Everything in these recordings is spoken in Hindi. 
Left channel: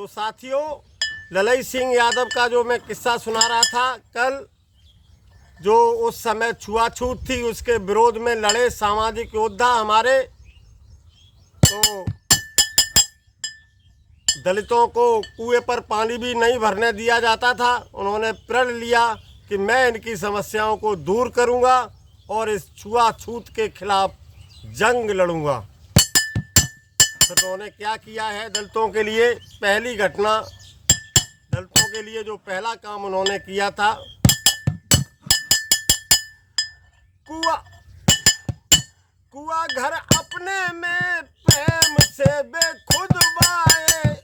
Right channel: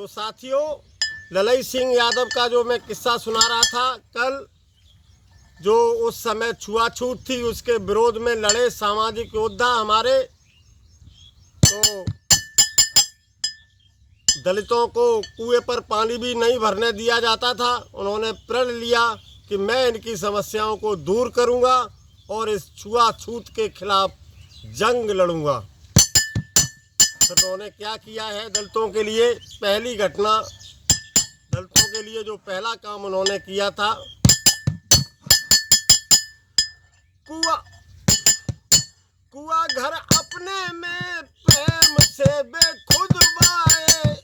तो साथियों, ललई सिंह यादव का जो मैं किस्सा सुना रहा था कल, जो उस समय छुआछूत थी उसके विरोध में लड़े सामाजिक योद्धा हमारे, तो दलितों को कुएं पर पानी भी नहीं भरने दिया जाता था। उन्होंने प्रण लिया कि मैं इनकी समस्याओं को दूर करूंगा और इस छुआछूत के खिलाफ जंग लड़ूंगा। तो उन्होंने क्या किया है दलितों के लिए? पहली घटना, दलितों के लिए जो पहला काम उन्होंने किया था, कुआ घर अपने में प्रेम से बेखुद बाए,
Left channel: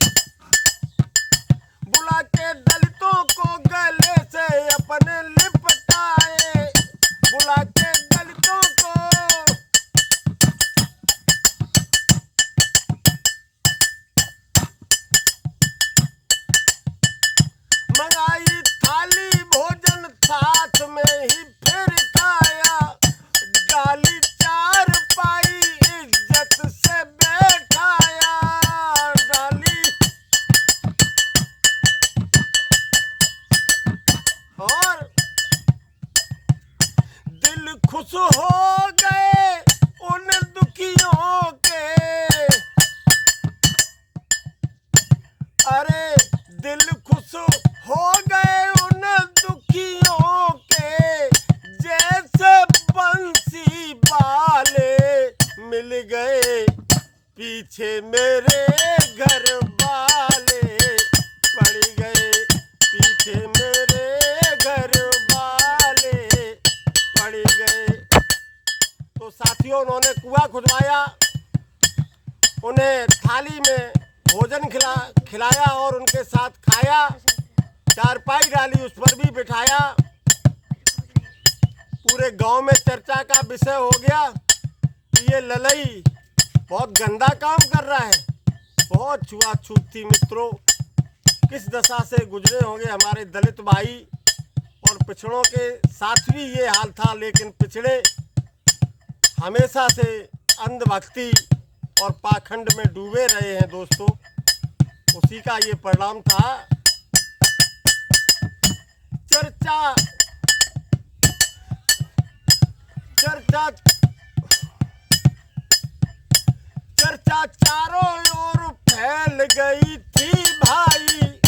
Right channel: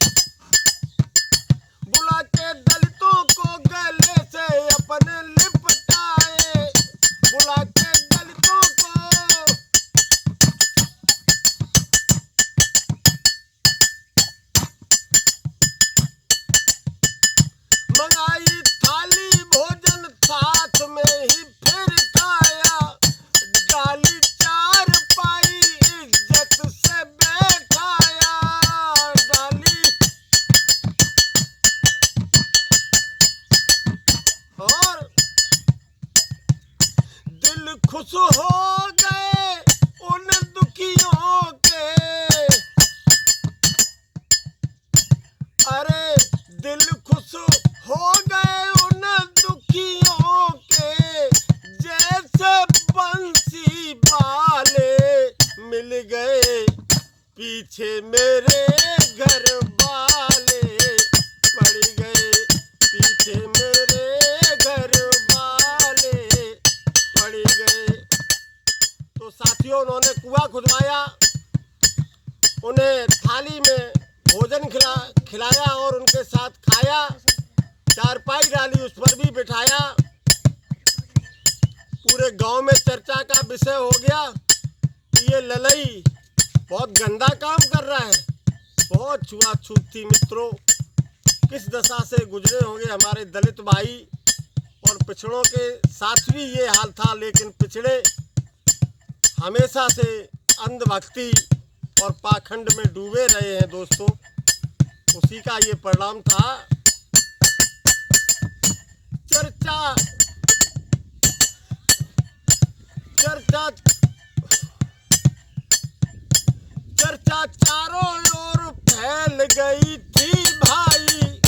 बुला के दलितों को गले से अपने लिपटाए, बुला के दलितों को मंगाई थाली भोजन साथ में ही फिर खाया, डाली चार पाई इज्जत से बैठाया, डाली और दिल खुश हो गए उन दुखियों के, अरे दिल खुश हो गए उन दुखियों के, जैसे बंसी वाले मिल गए पीछे मेरे घर वाले, पड़ गए पीछे मेरे घर वाले, पड़ गए। तो साथियों, उन्होंने कुआं खुदवाया, उन्हें थाली में भोजन खिलाया और उनके साथ खाया, चारपाई डाली उस पर भी बिठाया। पूरे गांव में चर्चा का विषय हो गया कि ये ललई बहुत गंदा काम कर रहा है। बहुत छुआछूत थी मित्रों, किस दशा से गुजरे होंगे हमारे दलित भाई, और पिछड़ों के साथ भी ये हाल था। लेकिन पिछड़े हमेशा से अंधभक्ति और पाखंड में डूबे रहे हैं दोस्तों, उसी का ये परिणाम था। चर्चा चर्चा चर्चा चारों ओर फैल गई थी भाई,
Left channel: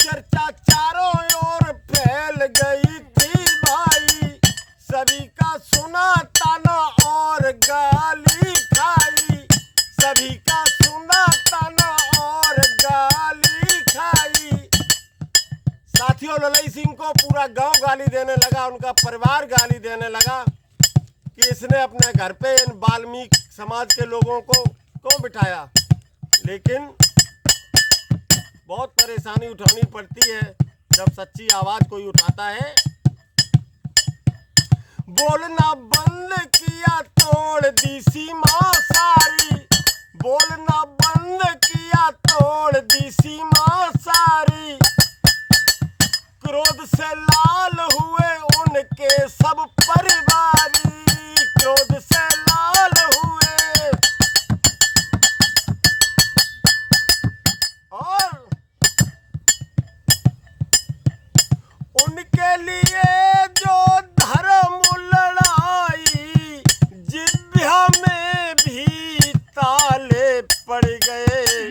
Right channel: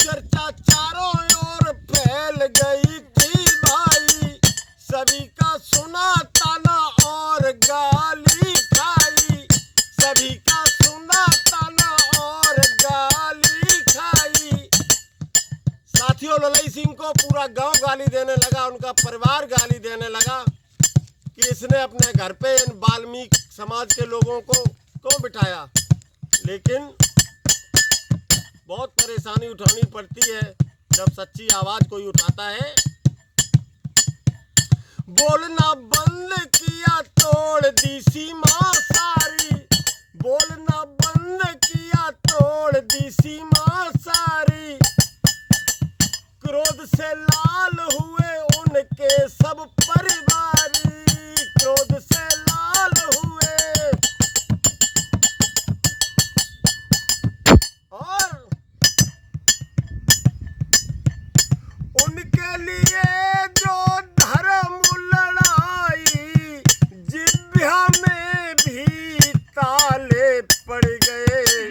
चर्चा चारों ओर फैल गई थी भाई, सभी का सुना ताना और गाली खाई, सभी का सुना ताना और गाली खाई। साथियों, ललई सिंह को पूरा गांव गाली देने लगा, उनका परिवार गाली देने लगा कि इसने अपने घर पे इन वाल्मीकि समाज के लोगों को क्यों बिठाया। लेकिन बहुत परेशानी उठानी पड़ती है जब सच्ची आवाज कोई उठाता है। बोलना बंद किया तोड़ दी सीमा सारी, बोलना बंद किया तोड़ दी सीमा सारी, क्रोध से लाल हुए उनके सब परिवारी, क्रोध से लाल हुए। और उनके लिए जो धर्म लड़ाई, जिब्या में भी ताले पड़ गए,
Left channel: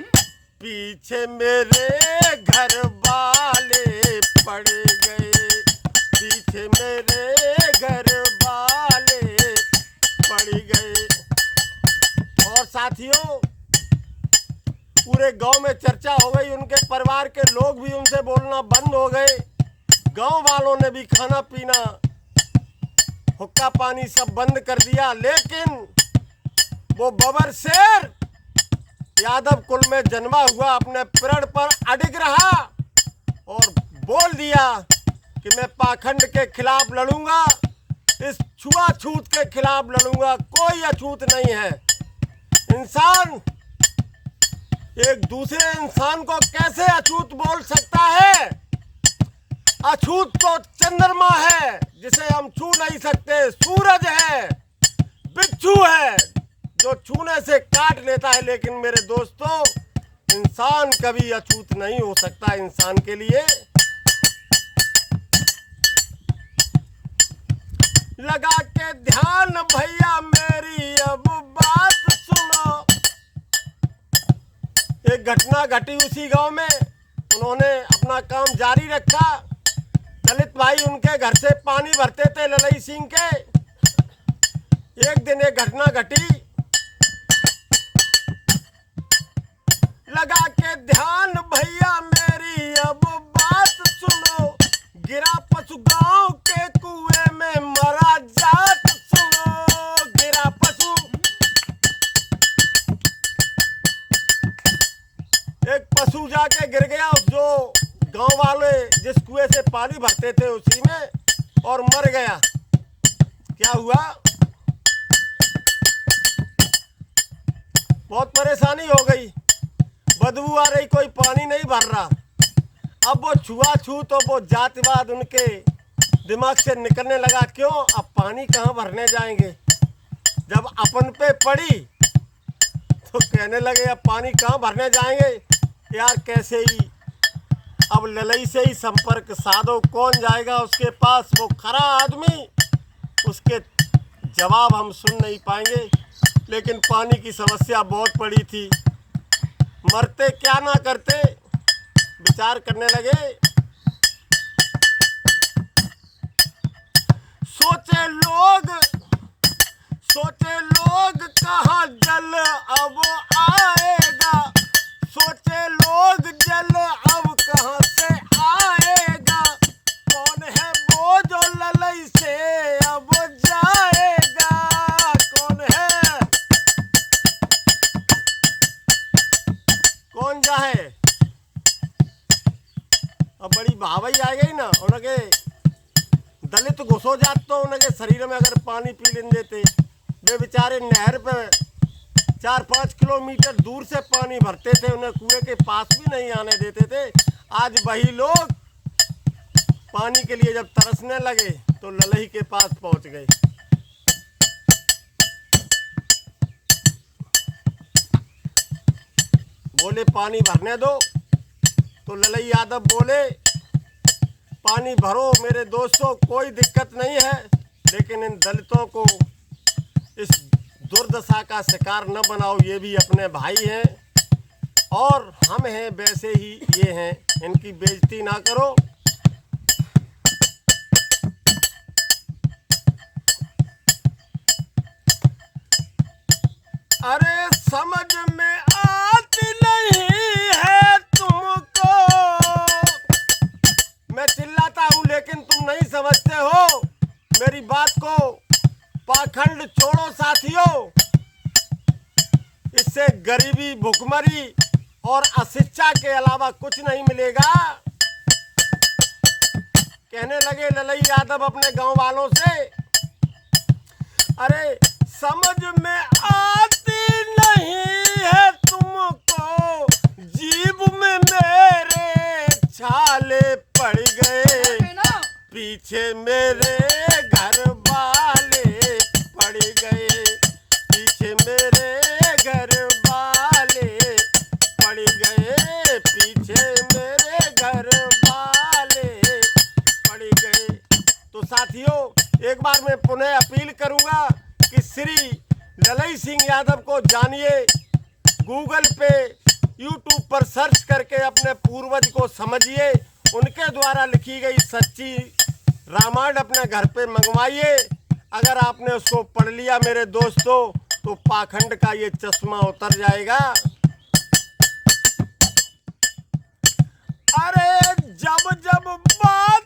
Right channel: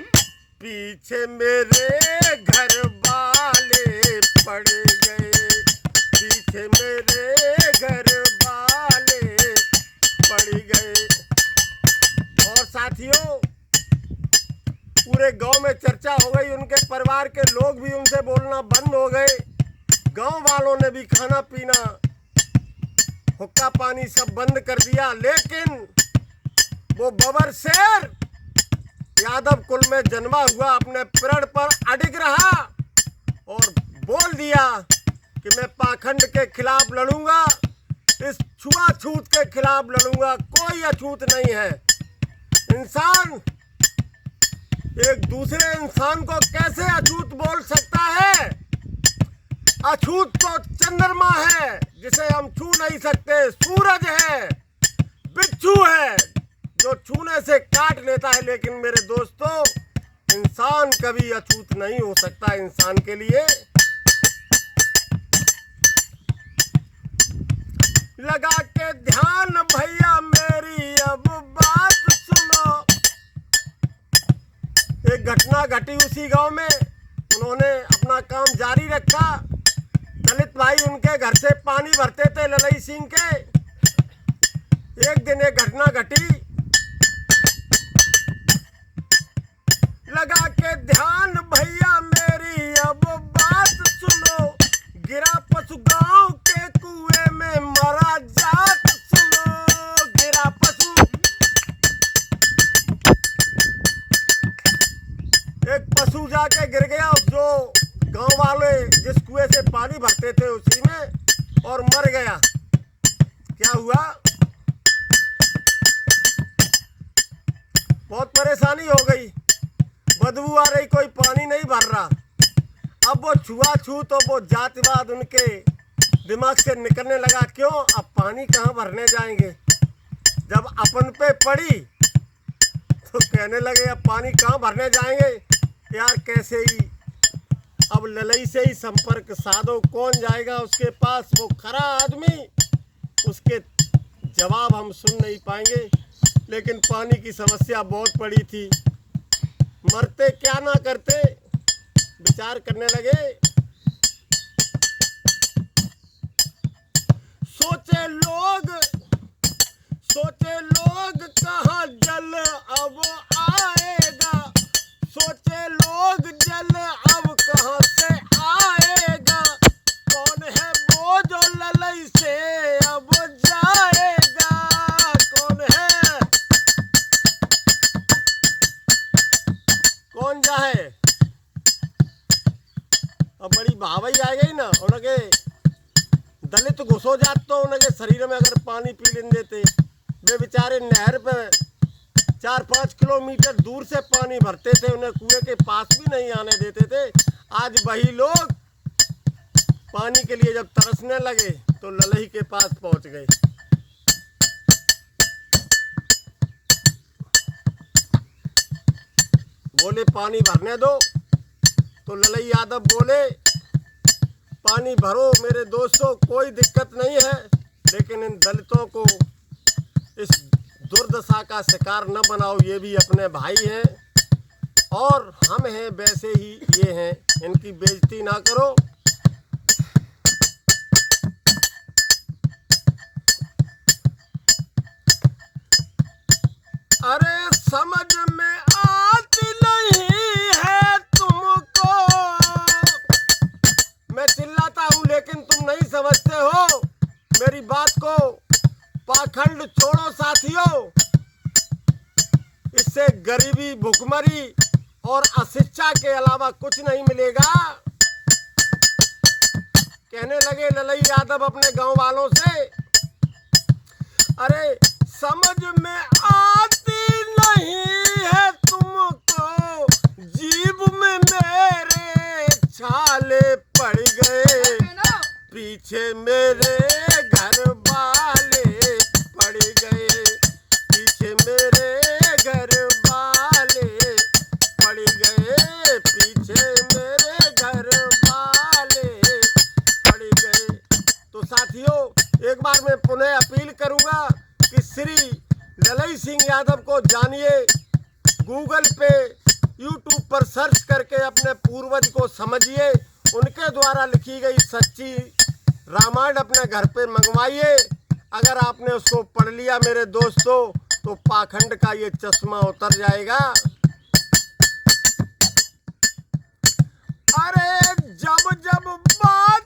पीछे मेरे घर वाले पड़ गए, पीछे मेरे घर वाले पड़ गए। और साथियों, पूरे गांव में चर्चा हो गई, उनके परिवार के लोग भी उनसे बोलना बंद हो गए, गांव वालों ने भी खाना पीना हुक्का पानी सब बंद कर दिया। लेकिन वो बबर शेर यादव कुल में जन्मा हुआ अपने प्रण पर अडिग रहा और बोल दिया कि मैं पाखंड के खिलाफ लड़ूंगा, इस छुआछूत के खिलाफ लड़ूंगा। कोई अछूत नहीं है। इंसान एक दूसरे इंसान को कैसे अछूत बोल सकता है? अछूत तो चंद्रमा है जिसे हम छू नहीं सकते, सूरज है, बिच्छू है जो छूने से काट लेता है। लेकिन मेरे दोस्तों, इंसान कभी अछूत नहीं हो सकता इंसान के लिए। लगा के ध्यान भैया मेरी अब बात सुनो। एक घटना घटी उसी गांव में। उन्होंने अपना काम जारी रखा। दलित भाई उनके घर से पानी भरते थे ललई सिंह के। एक दिन एक घटना घटी। लगा के ध्यान भैया मेरी अब बात सुनो। गिरा पशु गांव के कुएं में मरा जात सुनो। गिरा पशु, एक पशु जाके गिर गया जो गांव वाले जिस कुएं से पानी भरते थे उसी में, और मर गया। क्या हुआ? बहुत परेशानी हो गई। बदबू आ रही, कोई पानी नहीं भर रहा। अब वो छुआछूत और वो जातिवाद उनके दिमाग से निकलने लगा। क्यों? अब पानी कहाँ भरने जाएंगे? जब अपन पे पड़ी तो कहने लगे अब पानी कहाँ भरने जाएंगे यार, कैसे ही अब ललई से ही संपर्क साधो। कौन जाएगा उसके पास? वो खरा आदमी, उसके जवाब हम सुन नहीं पाएंगे। लेकिन पानी की समस्या बहुत पड़ी थी। मरते क्या ना करते, विचार करने लगे। सोचे लोग कहाँ जल अब आएगा। सोचे लोग जल अब कहाँ से आएगा। कौन है वो जो ललई से अब जाएगा? कौन है? कौन जाए? अब बड़ी भावई आ गई ना। उनके दलित घुसो जात तो उनके शरीर में अगर पानी पी लेने देते। वे बेचारे नहर पे 4-5 किलोमीटर दूर से पानी भरते थे, उन्हें कुएं के पास भी नहीं आने देते थे। आज वही लोग पानी के लिए जब तरसने लगे तो ललई के पास पहुंच गए। बोले पानी भरने दो, तो ललई यादव बोले पानी भरो मेरे दोस्तों, कोई दिक्कत नहीं है, लेकिन इन दलितों को इस दुर्दशा का शिकार न बनाओ। ये भी अपने भाई हैं और हम हैं वैसे ही ये हैं, इनकी बेइज्जती ना करो। अरे समझ में आती नहीं है तुमको। मैं चिल्लाता हूँ लेकिन तुम नहीं समझते हो मेरी बात को। पाखंड छोड़ो साथियों, इससे गरीबी, भुखमरी और अशिक्षा के अलावा कुछ नहीं मिलेगा। कहने लगे ललई यादव अपने गांव वालों से, अरे समझ में आती नहीं है तुमको, जीभ में मेरे छाले पड़ गए, पीछे मेरे घर वाले पड़ गए, पीछे मेरे घर वाले पड़ गए, पीछे मेरे घर वाले पड़ गए। तो साथियों, एक बार मैं पुनः अपील करूंगा कि श्री ललई सिंह यादव को जानिए, गूगल पे, यूट्यूब पर सर्च करके अपने पूर्वज को समझिए, उनके द्वारा लिखी गई सच्ची रामायण अपने घर पे मंगवाइए। अगर आपने उसको पढ़ लिया मेरे दोस्तों, तो पाखंड का ये चश्मा उतर जाएगा। अरे जब जब बात